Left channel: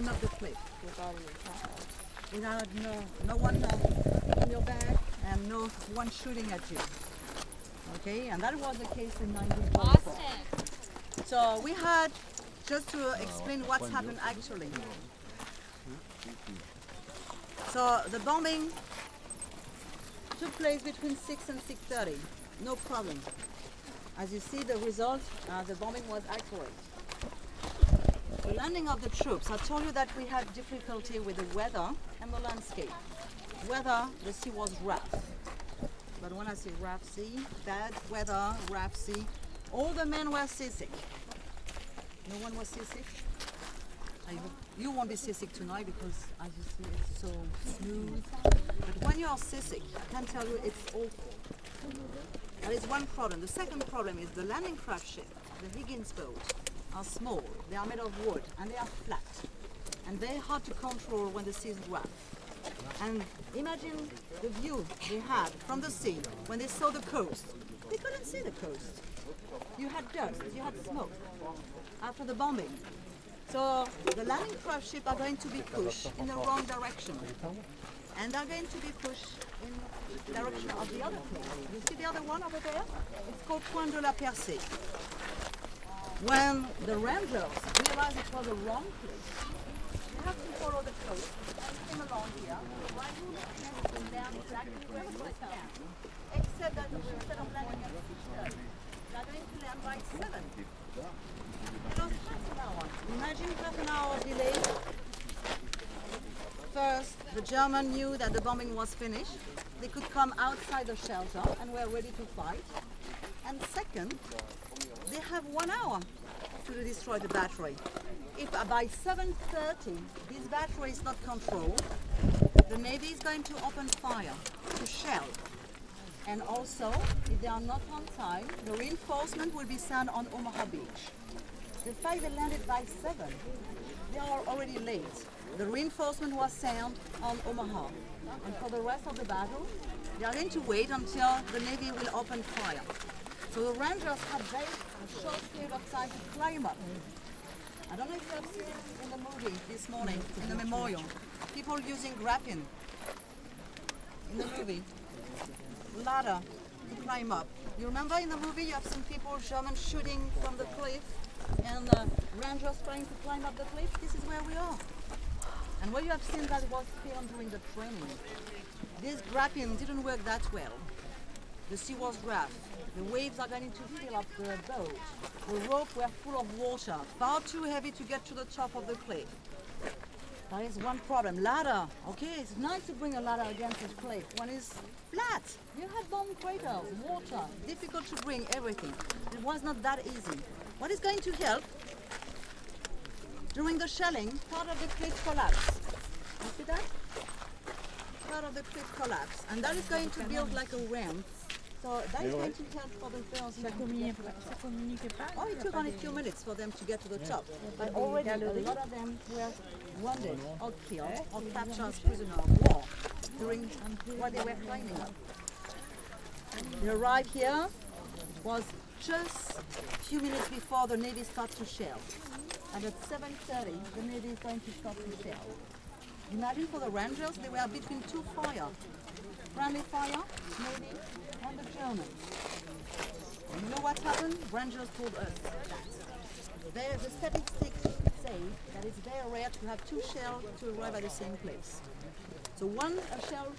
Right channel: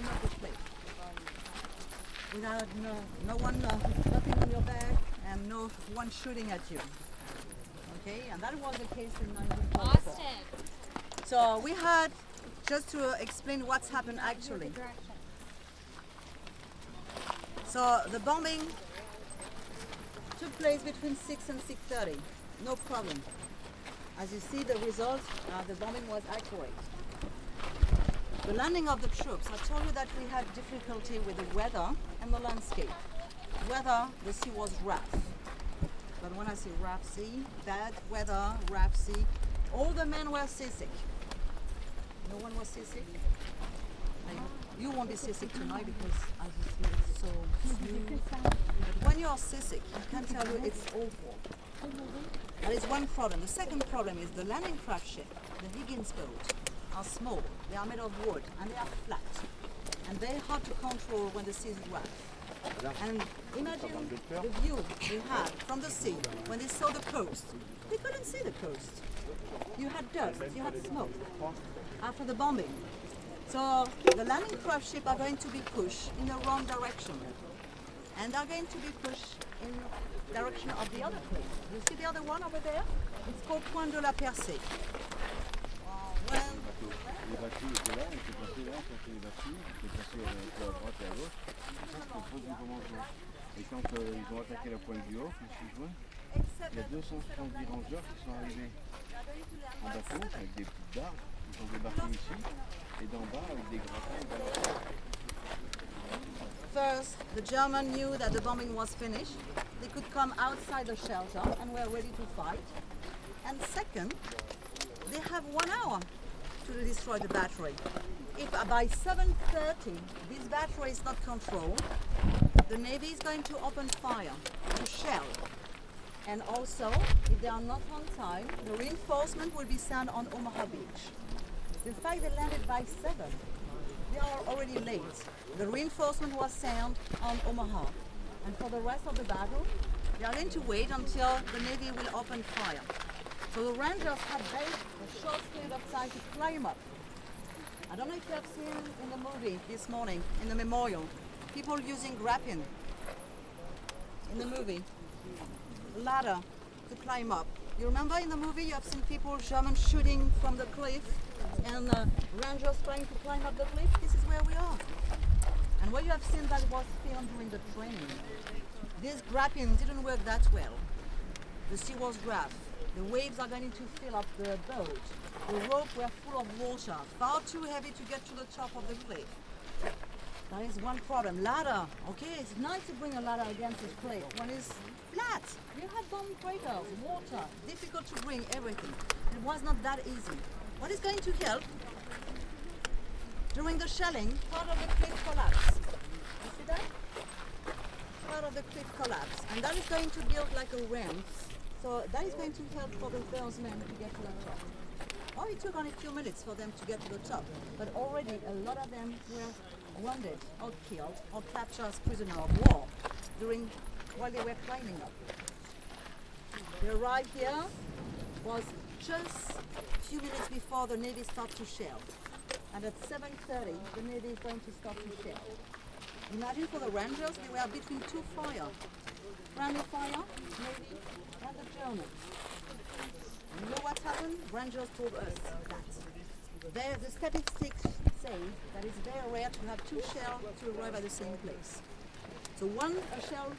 climb up the cliff. Without no one, nothing on your back, and no one shooting at you. Okay, and that was the case in 1944. So we had, just to explain what's happened actually. So the bombing took place between 6 and 6:30, no problem. As you see the result, the bombing was accurate. The landing of the troops, I told you that we had difficulty with the weather and the landscape. Weather, the sea was rough. But when I say rough sea, bad weather, rough sea, all the men were seasick. No one was seasick? I hope you won't be seasick tonight because as you see it's so smooth. But when you're seasick, I can tell you it's awful. That is one problem. The second problem is the landing craft ship, the Higgins boat, are small, they are made of wood and they are flat and very hard to control when the sea is rough. And imagine the view they had from the sea when they saw the coast. They couldn't see the coast. You had dust, you had smoke after the bombing. So the landing craft ship are going to be pushed in the wrong direction and they're going to be pushed in the direction of the other place. You see the other one over there? It's called Point de la Percée. When the Rangers realize for the wrong place, you have to follow the coast. Come along here. Except that instead of landing at 6:30, they're going to land by 7. Imagine half an hour delay. First, the Germans knew that the bombing was finished. They could come outside the shelter and were ready to fight. And second, they have 1 hour to destroy the battery. If by 7:30 this battery is not controlled, the Navy is going to open fire, to shell. And also, if they are not on time, the reinforcement will be sent on Omaha Beach. The fact they landed by 7, they are already late. The reinforcement was sent on Omaha. And for the rest of the battle, they are going to wait until the Navy will open fire. So the Rangers had a short period of time to climb up. I don't know if you have seen in the movie this morning, in the memorial, people using grappling in the movie, ladder to climb up. You remember in the movie you have seen people, German shooting from the cliff and Rangers trying to climb up the cliff? This is where we are. And what you have seen that was filmed during the training. This grappling didn't work that well. The sea was rough. The waves are going to fill up the boat. The ropes were full of water, far too heavy to get to the top of the cliff. That is one problem. Ladder, okay, it's nice to bring a ladder against this cliff when it's flat. You had bomb craters, water, difficult to bring everything. It was not that easy. What is going to help? During the shelling, part of the cliff collapsed. You see that? Part of the cliff collapsed. And that is going to build like a ramp. So that is going to help for the first men to get to the top. Oh, it took only a few minutes for them to get to the top. But already a lot of them were wounded or killed or captured as prisoners of war while they were climbing up. They arrived here was just a few minutes before the Navy started to shell. And at 7:30, the Navy is going to start to shell. Imagine for the Rangers, they were between two fires. Friendly fire, Navy, and the Germans. And you know what happened? Rangers told us that. The statistics say that it's very rare to have two shells to arrive at the same place. So a shell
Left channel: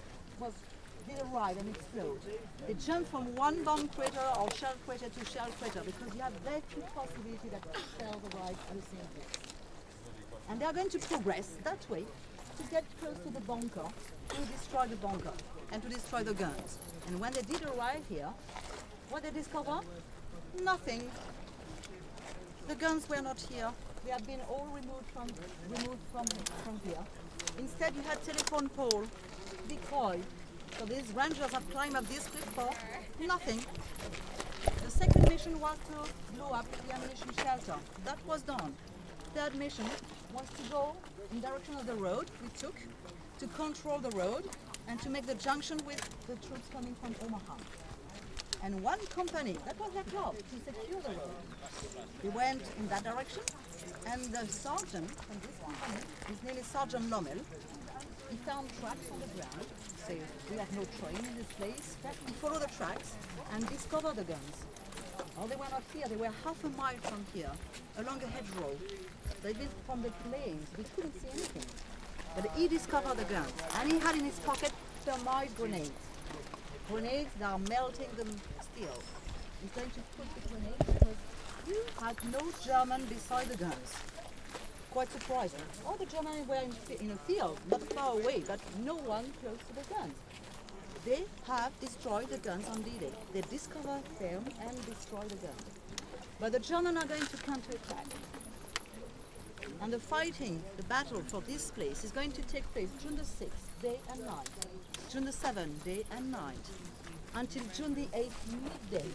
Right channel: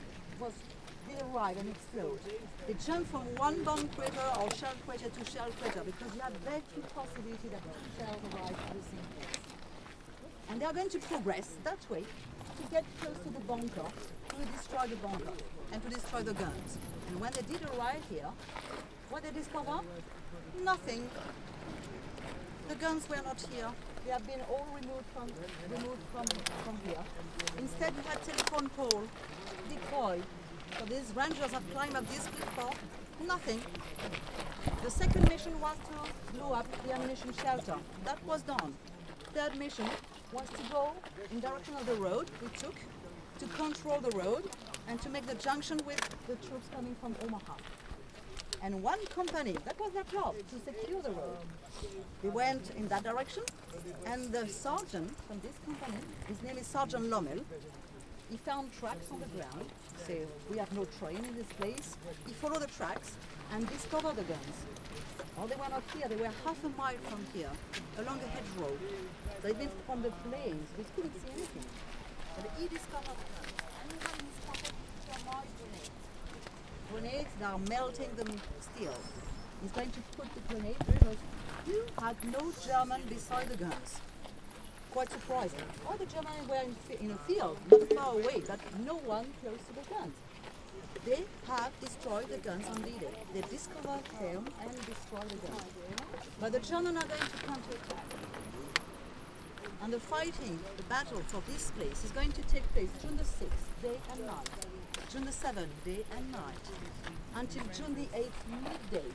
did arrive and explode. They jump from one bomb crater or shell crater to shell crater because you have very few possibility that shells arrive at the same place. And they are going to progress that way to get close to the bunker, to destroy the bunker and to destroy the guns. And when they did arrive here, what they discovered? Nothing. The guns were not here. They have been all removed from here. Instead, you had telephone pole, decoy. So these Rangers have climbed up this cliff for nothing. The second mission was to blow up the ammunition shelter. That was done. Third mission was to go in direction of the road we took, to control the road and to make the junction with the troops coming from Omaha. And one company, that was their job, to secure the road. They went in that direction, And the sergeant from this company, his name is Sergeant Lommel, he found tracks on the ground, say we have no train in this place. He followed the tracks and discovered the guns. Oh, they were not here, they were half a mile from here, along a hedgerow. They'd been from the plains, we couldn't see anything. But he discovered the guns, and he had in his pocket thermite grenades. Grenades that are melting them still. He's going to put the grenade because you had no German beside the guns. Quite surprised. All the Germans were in a field, not far away, but no one close to the guns. They have destroyed the guns on D-Day. They discovered them and destroyed the guns. But the Germans are going to counterattack. And the fighting, the battle for this place is going to take place June the 6th, day and night. June the 7th, day and night. Until June the 8th, midday.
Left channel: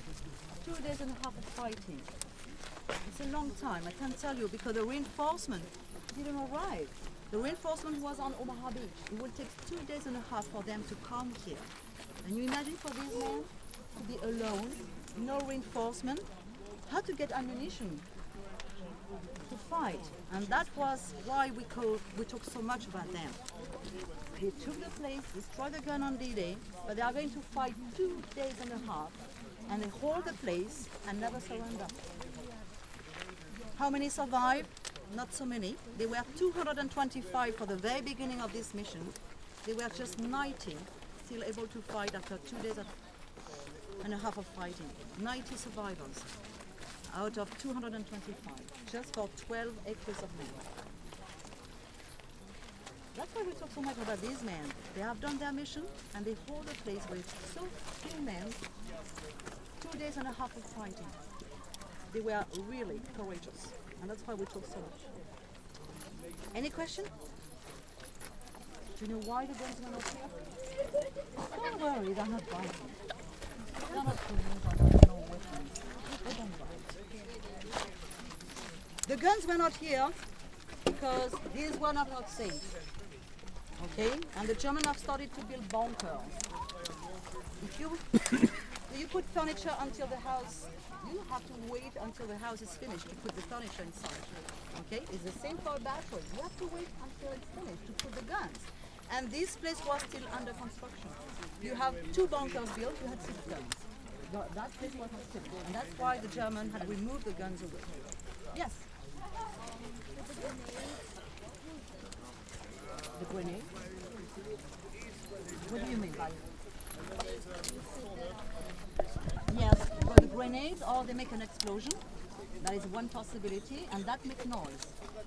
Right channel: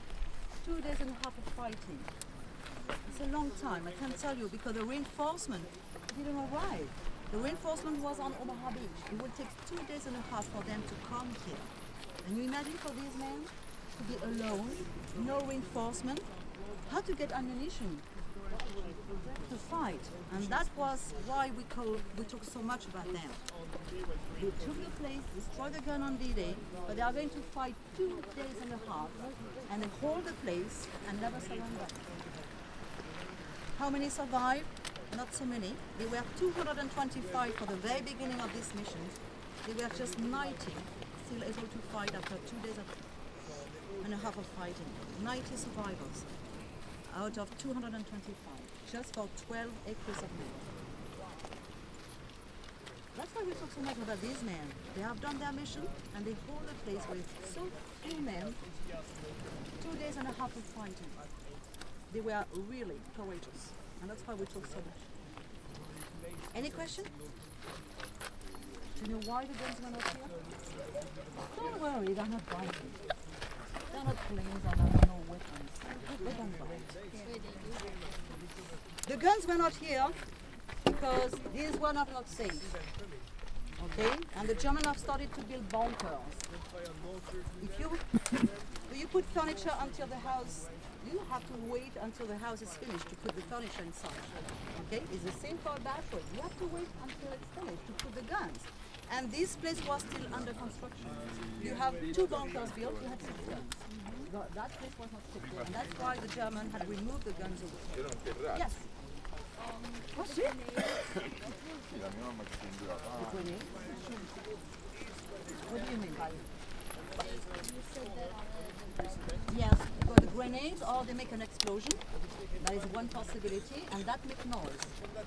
2 days and a half of fighting. It's a long time, I can tell you, because the reinforcement didn't arrive. The reinforcement was on Omaha Beach. It will take 2 days and a half for them to come here. And you imagine for these men to be alone, no reinforcement, how to get ammunition to fight. And that was why we talk so much about them. They took the place, destroyed the gun on D-Day, but they are going to fight 2 days and a half, and they hold the place and never surrender. How many survived? Not so many. There were 225 for the very beginning of this mission. There were just 90 still able to fight after 2 days and a half of fighting. 90 survivors out of 225, just for 12 acres of land. That's why we talk so much about these men. They have done their mission and they hold the place with so few men, 2 days and a half of fighting. They were really courageous, and that's why we talk so much. Any question? Do you know why the guns were not here? Don't worry, they're not biting. They're not planes, they're not no weapons. They don't bite. The guns were not here because these were not safe. Okay? And the Germans have started to build bunkers. If you put furniture until the house, you have to wait until the house is finished to put the furniture inside. Okay? It's the same for a battery. You have to wait until it's finished to put the guns. And this place was still under construction. You have 2 bunkers built, you had 6 guns. That place was not shipped, and that's why the Germans had removed the guns away. Yes? The grenade? What do you mean by it? Yes, but the grenades, or they make an explosion. That is one possibility, and that makes noise.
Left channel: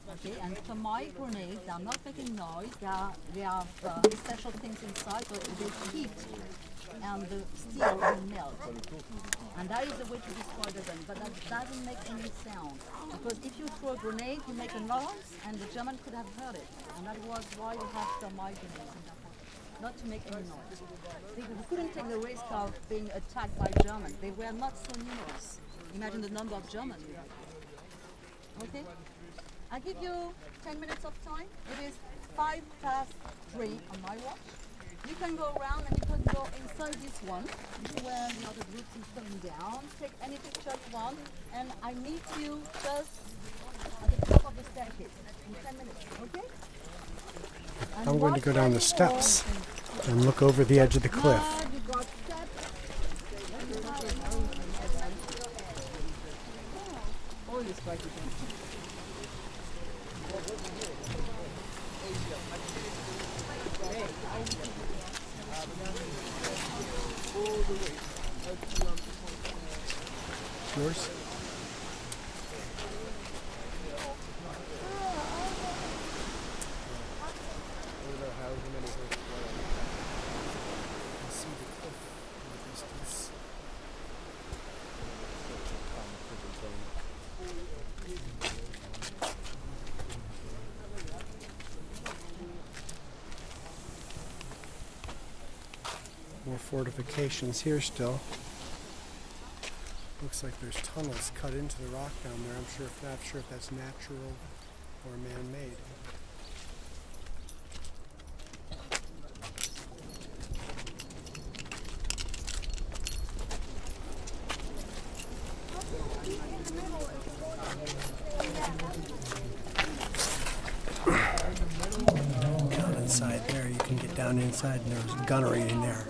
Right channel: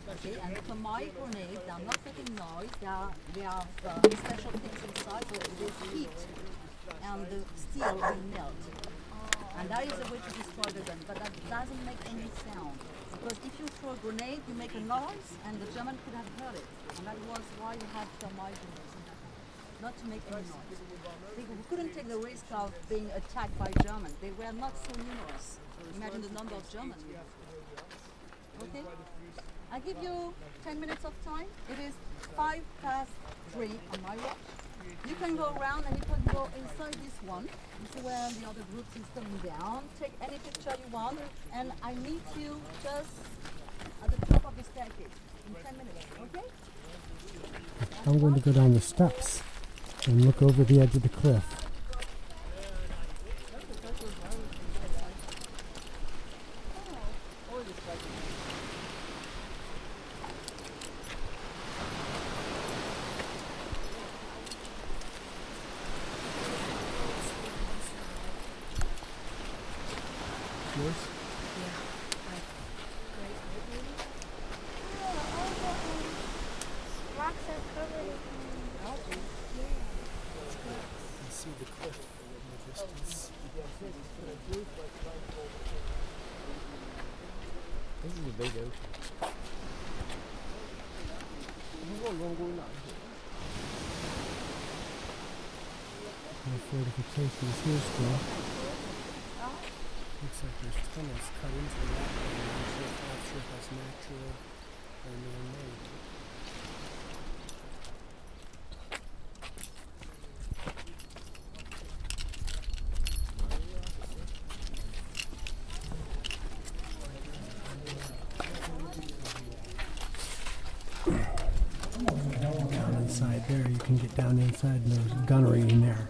Okay, and for my grenades, they are not making noise. They have special things inside, so they heat, and the steel will melt. And that is a way to destroy the gun, but that doesn't make any sound. Because if you throw a grenade, you make a noise, and the German could have heard it. And that was why we had thermite grenades in that time, not to make any noise. We couldn't take the risk of being attacked by Germans. They were not so numerous. Imagine the number of Germans we have. Okay? I give you 10 minutes of time. It is 3:05 on my watch. You can go around and you can go inside this one. This is where the other groups is coming down. Take any picture you want, and I meet you just at the top of the staircase in 10 minutes, okay? And I'm going to go down the steps and look over the edge of the cliff. Yours? You see the cliff in the distance. More fortifications here still. Looks like there's tunnels cut into the rock down there. I'm not sure if that's natural or man-made. inside there. You can get down inside, and there's gunnery in there.